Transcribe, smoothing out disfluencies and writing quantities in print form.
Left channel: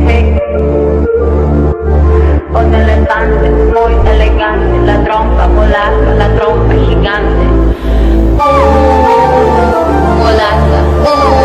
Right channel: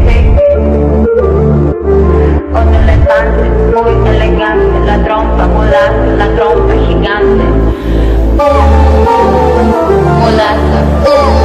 Hey, un elefante muy elegante, la trompa mulata, la trompa gigante. Mulata,